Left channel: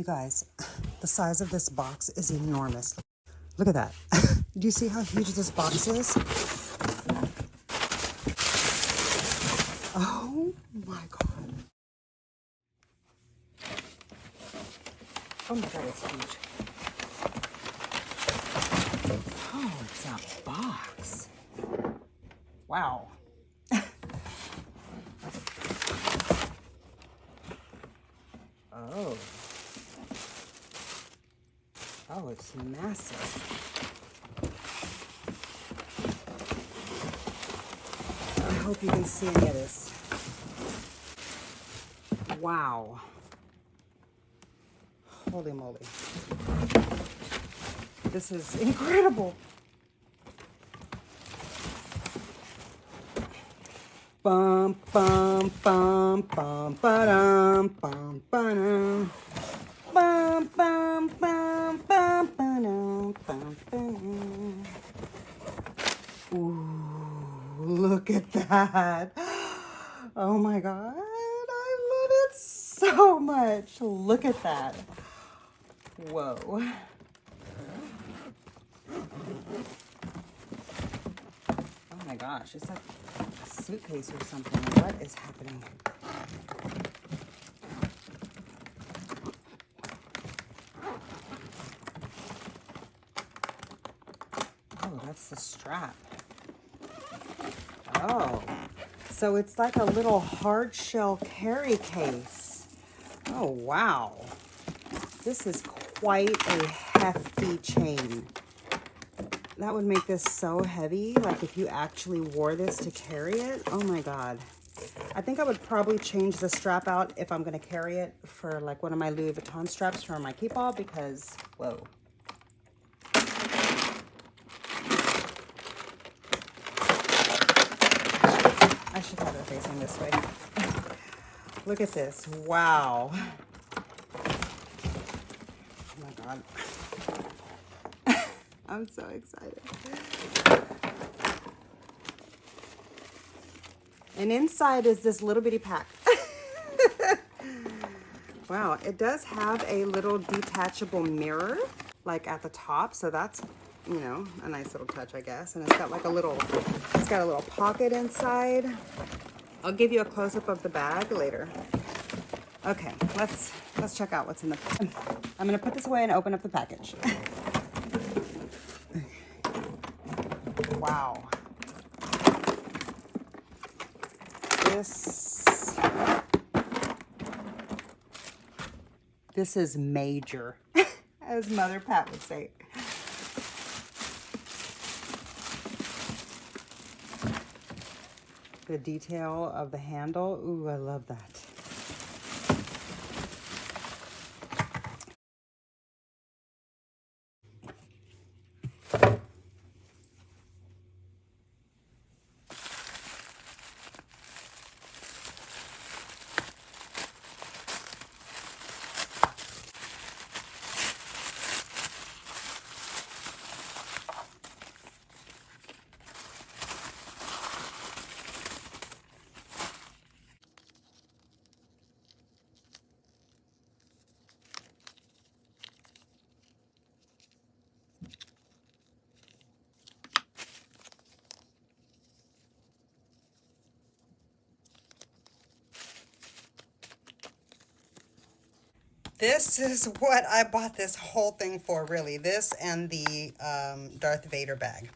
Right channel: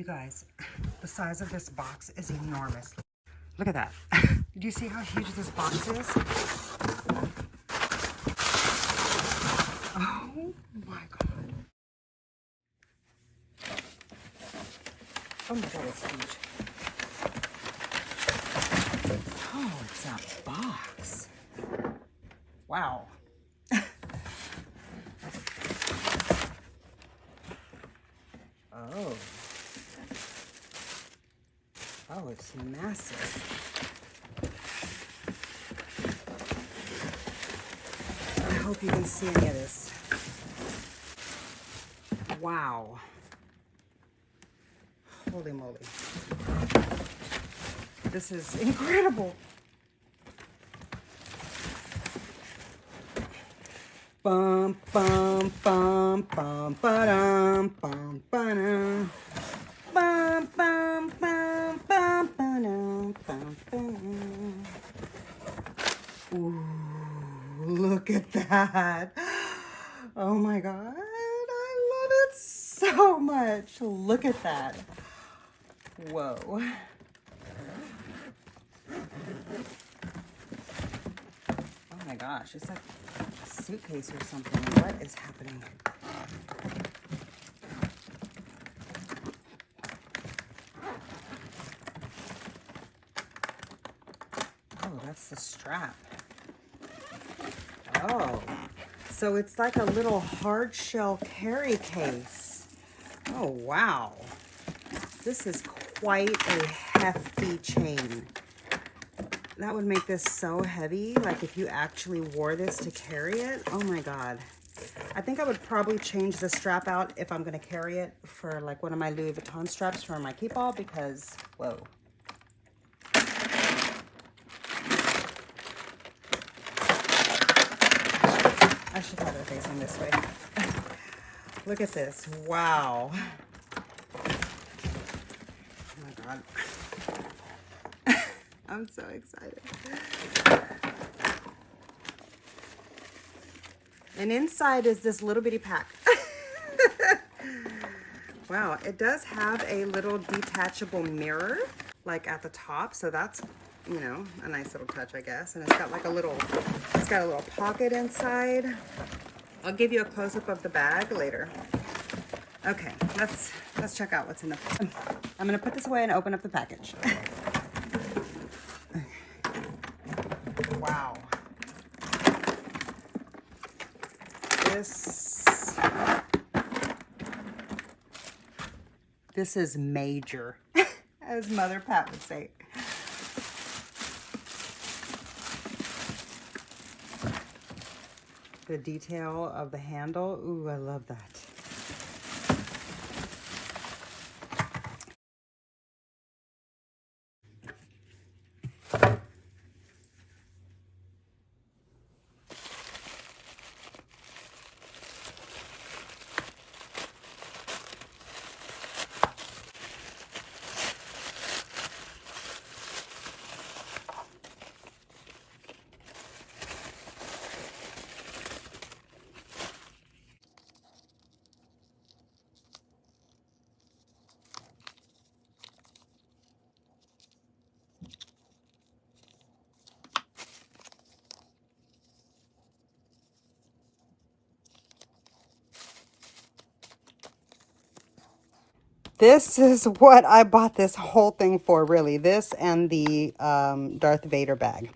You guys, the size of this box is enormous. Look at that. Do you see how huge this box is? Oh my God. Oh my God, it's huge. Oh, it's a box. Wow. Oh. Oh, it's massive. I hope you can see any of this. Wow. Holy moly. This is incredible. Bum bum bum bum ba-dum bum ba-dum. Bum bum bum bum ba-dum bum ba-dum. Ooh, look at that. Oh my God. I love it so much. Look at that. Whoa. Oh my gosh, it's like a suitcase or something. What is happening? Oh, that's the strap. Oh, so it's like a little hard shell carry case. Oh, wow. This is quite a hefty chain. That would make this so heavy, like if you actually wore this to carry it. Oh my God. I think I would probably change the strap out if I'm gonna carry it for like one of my Louis Vuitton straps for my keep-all because, whoa. I should have it facing this way. Look at this, wow. Oh my God. I'm so excited. And inside is this little bitty pack. Wow, it does have a little detachable mirror, like at the top. So that's, you know, a nice little touch, I guess. And it's got like a little, it's got a little pocket inside. I'll give you a close-up of the bag later. Okay, let's check out what's in the, I'm gonna put this away and open up the package. Wow. This is major, as Mother Pat would say. The detail of the handle, ooh, I love that. This is what I bought this whole thing for, really. This and the Darth Vader bag.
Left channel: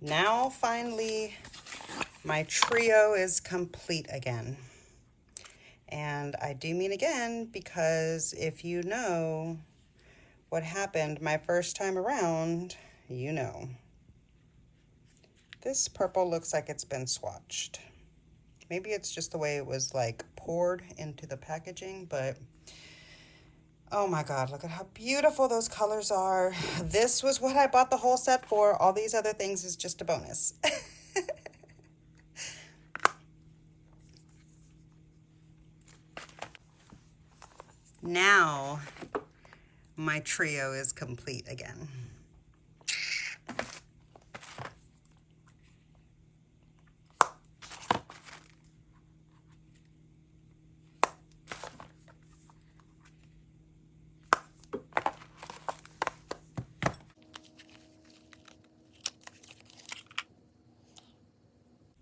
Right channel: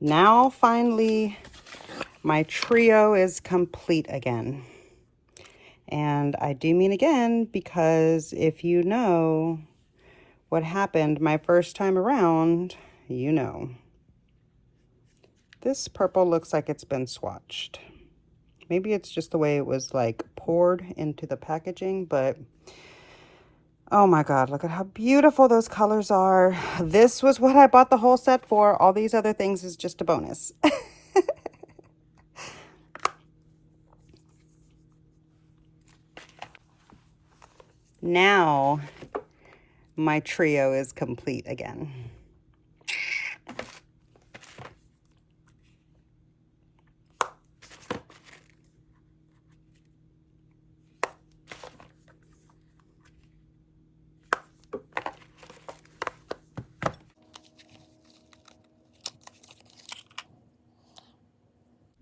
Now, finally, my trio is complete again. And I do mean again, because if you know what happened my first time around, you know. This purple looks like it's been swatched. Maybe it's just the way it was like poured into the packaging, but oh my God, look at how beautiful those colors are. This was what I bought the whole set for. All these other things is just a bonus. Now my trio is complete again.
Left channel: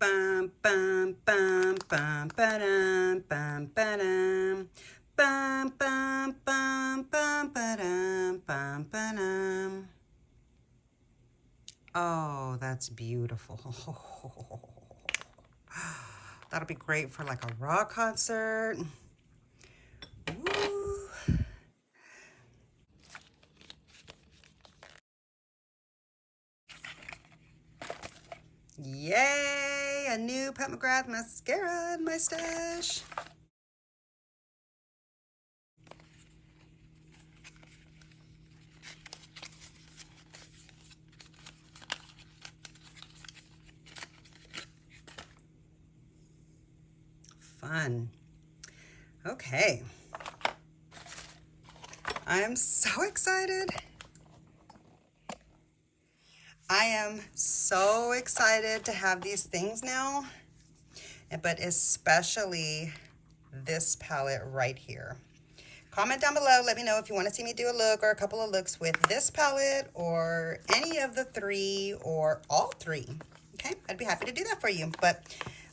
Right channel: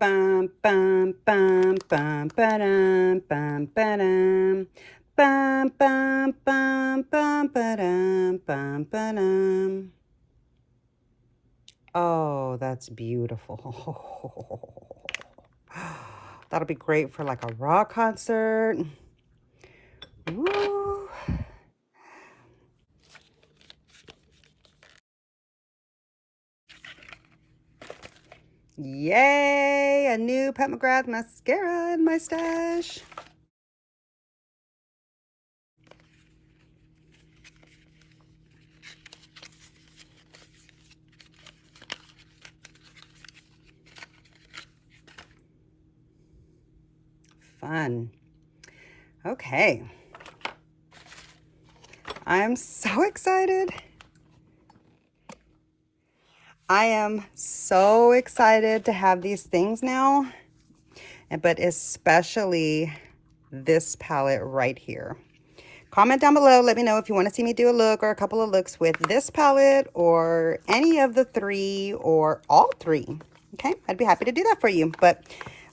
Bum, bum, bum, bum, ba-dum, bum, ba-dum. Bum, bum, bum, bum, ba-dum, bum, ba-dum. Oh, that's beautiful. That'll be great for like a rock concert. Woo. Yay! A new Pat McGrath mascara in my stash. Fun. Okay. I'm so excited. I am so excited to have these things now, but especially this palette right here. Comment down below, let me know if you want to see me do a look or a couple of looks with this palette or any of the three or all three. Okay, I'd be happy to do that for you, but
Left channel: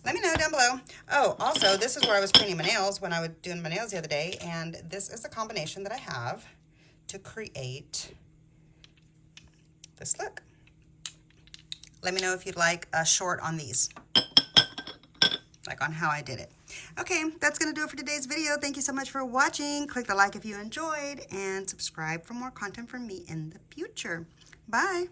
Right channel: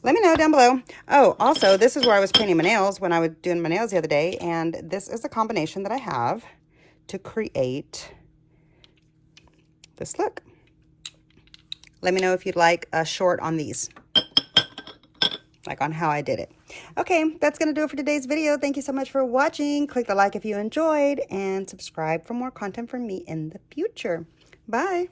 let me know down below. Oh, also, this is where I was painting my nails when I was doing my nails the other day, and this is the combination that I have to create this look. Let me know if you'd like a short on these, like on how I did it. Okay, that's going to do it for today's video. Thank you so much for watching. Click the like if you enjoyed, and subscribe for more content from me in the future. Bye.